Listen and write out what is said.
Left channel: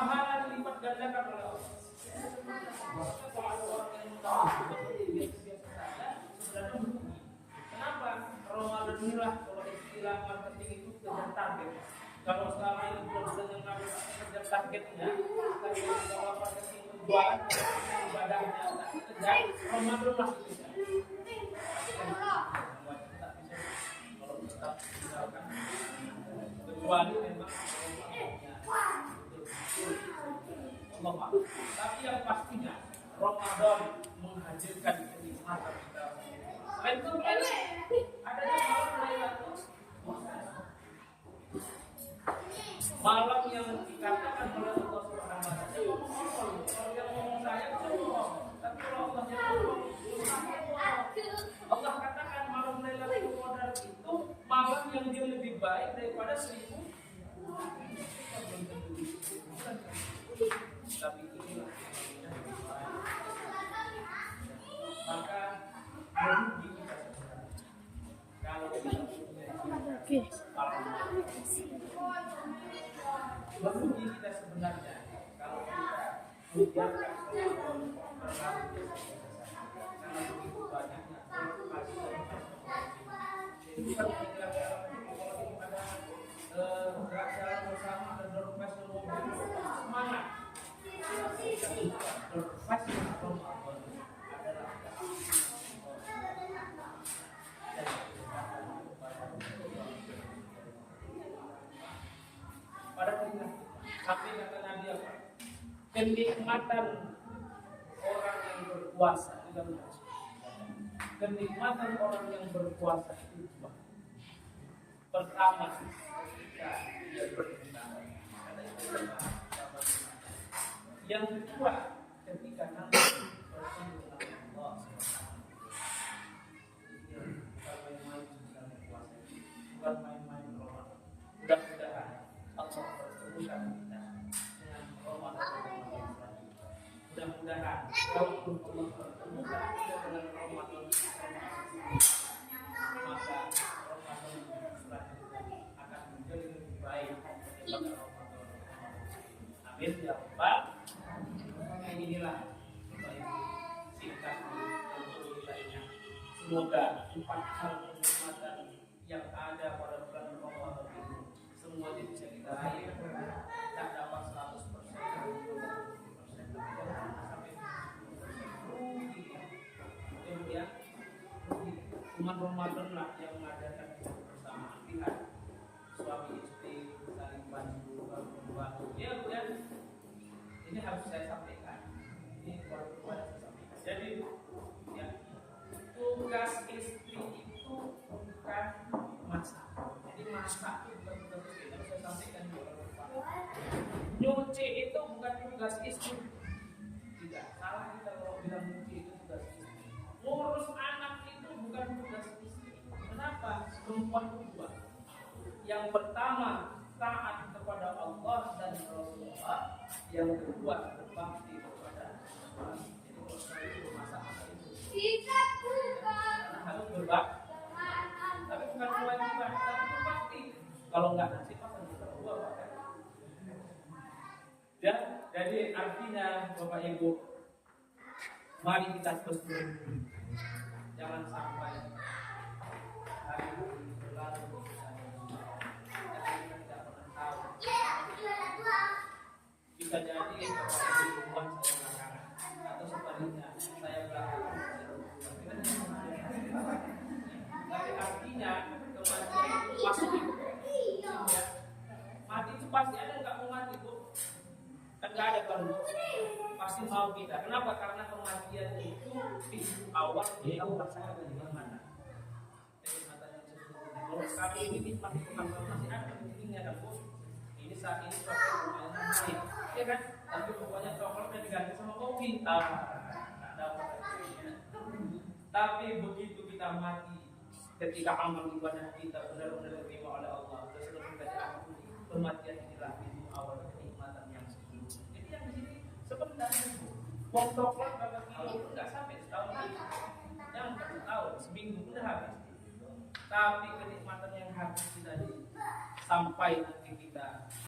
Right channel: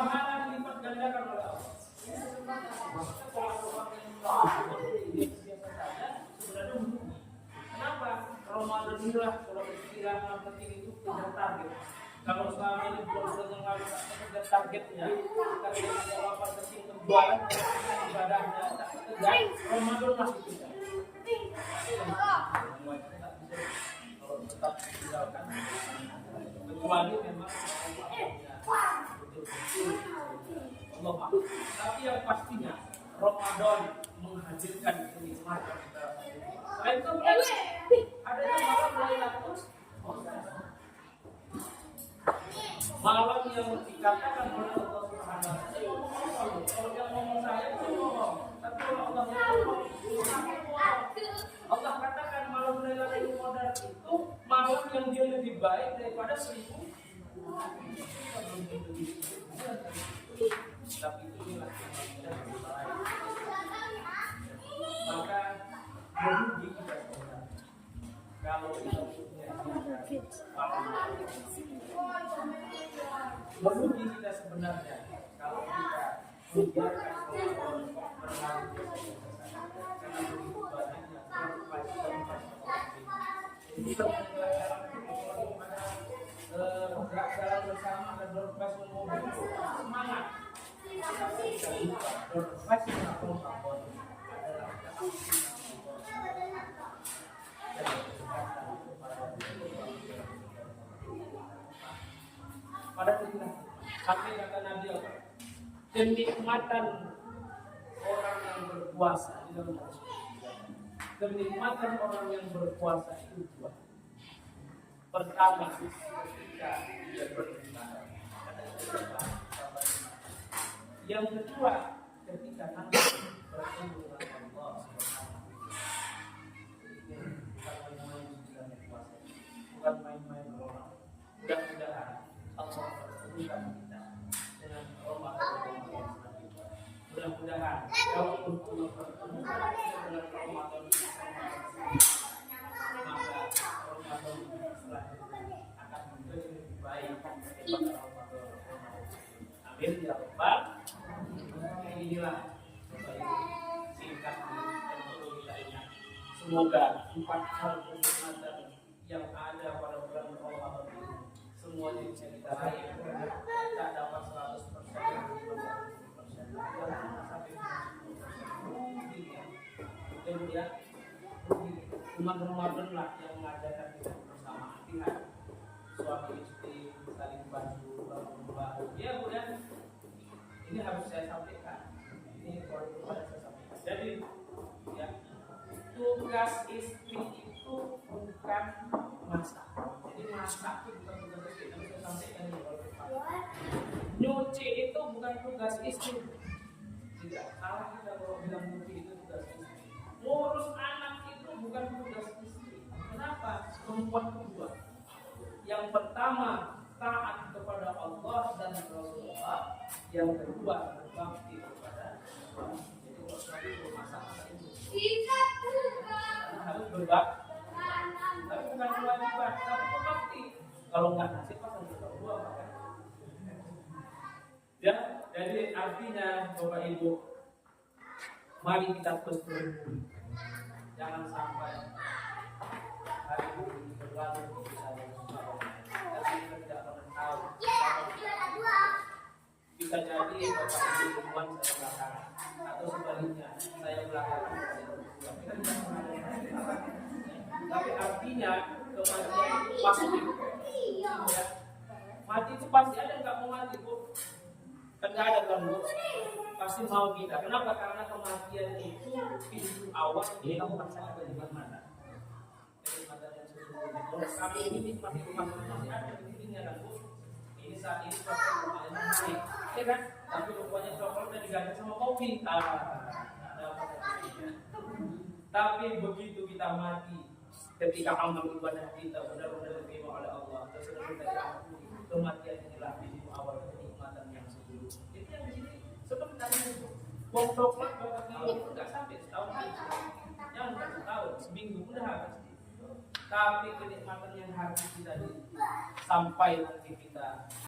pahala dilipat gandakan oleh Allah. Kalau ada orang yang biasa saja, sebenarnya merugi. Kenapa? Ramadan inilah kalau istilah marketing itu kejar target. Kalau selama ini bulan-bulan yang lalu kejar targetnya, targetnya orang marketing penjualan, ibadahnya tak kejar, Ramadan lah itu. Kalau tetap tinggalkan, kecuali memang betul-betul Allah maaf. Tapi yang pastinya Ramadan menghadirkan kenikmatan kita. Selain itu adanya malam Lailatul malam yang dikatakan oleh Allah Subhanahu wa taala. Kalau yang ngomong saya itu ngomong, tapi kalau Allah yang ngomong, Allah katakan malam Lailatul Qadar itu malam yang dia lebih baik daripada 1000. Tapi inilah maka merugi kita sebenarnya kalau kita punya merugi kita sebenarnya kalau kita membiarkan Ramadan berlalu karena begitu banyaknya preokupasi dan jadi kita gerak jalan bersama dan berpassion mobil semangat berpassion Ramadan adalah pada kita sampai kata Nabi apa? Kenikmatan orang yang berpuasa kenikmatan orang yang berpuasa itu dua. Pertama, ketika dia berpuasa. Yang kedua, ketika nanti bertemu dengan Allah Subhanahu wa taala. Bukan main-main Ramadan. Mudah-mudahan Allah pertemukan kita dengan Ramadan selanjutnya. Mudah-mudahan kalaupun Allah pertemukan kita dengan Ramadan maka Ramadan selanjutnya akan menjadi lebih baik daripada Ramadan. Amin ya rabbal. Inilah singkat dan perlu kita ingat. Semoga 4 hal kenikmatan yang ada pada bulan Ramadan ini semuanya bisa kita raih. Tak dapat 100%, 50%, tapi jangan sampai 90%. Kemudian umat Ramadan lah yang mengadakan itu bersama. Lihat suami istri saling bantu membantu. Ya Bu ya, ini harus saya sampaikan. Ini kalau kepada saya sampaikan. Jadi ya, tugas istri itu bukan masak. Jadi masak itu bukan tugas istri. Tapi saya sampaikan ini kalau kepada. Nyuci itu bukan tugas istri. Tidak salah kita kalau bilang nyuci itu tugas istri. Ngurus anak itu bukan tugas istri. Kenapa? Perempuan kedua. Yang pertama taat kepada Allah dan Rasulullah. Yang kedua berbakti kepada suami. Jadi kalau suami belum masak itu. Karena harus berbakti. Tapi bukan kewajiban, tapi berbakti. Kalau nggak nasib pasang berdua pakai. Ya, jadi artinya Bapak Ibu, mari kita terus berilmu. Jangan sampai hari ini berlalu begitu saja. Karena kita tidak pernah tahu. Bisa jadi Bapak Ibu duluan saya belakangan, atau sebaliknya saya belakangan saya duluan. Tapi artinya kematian itu pasti. Ya. Mati itu pasti ada, nggak mau mati Bu. Kan nggak ada kan Bu. Pasti mau kita. Kenapa? Karena kematian itu pintu awal kita merasakan dari mana. Kenikmatan yang sesungguhnya. Kalau kami ini nikmati kematian masih ada intinya kan Bu. Ini saat ini coklat lumayan naik, ya kan? Tapi rupanya coklatnya diganti sama kopi. Nggak dapat. Tapi begitu kita mati, ketika amal ibadah kita benar-benar diterima oleh Allah, dan sudah kita diampuni, kematian inilah pintu awal kenikmatan yang sesungguhnya. Jadi yang di sini sebenarnya bom coklat berapa kilo pun nggak sampai setahun lagi. Jangan setahun, seminggu pun udah habis. Tapi kenikmatan yang harus kita sampai nanti kita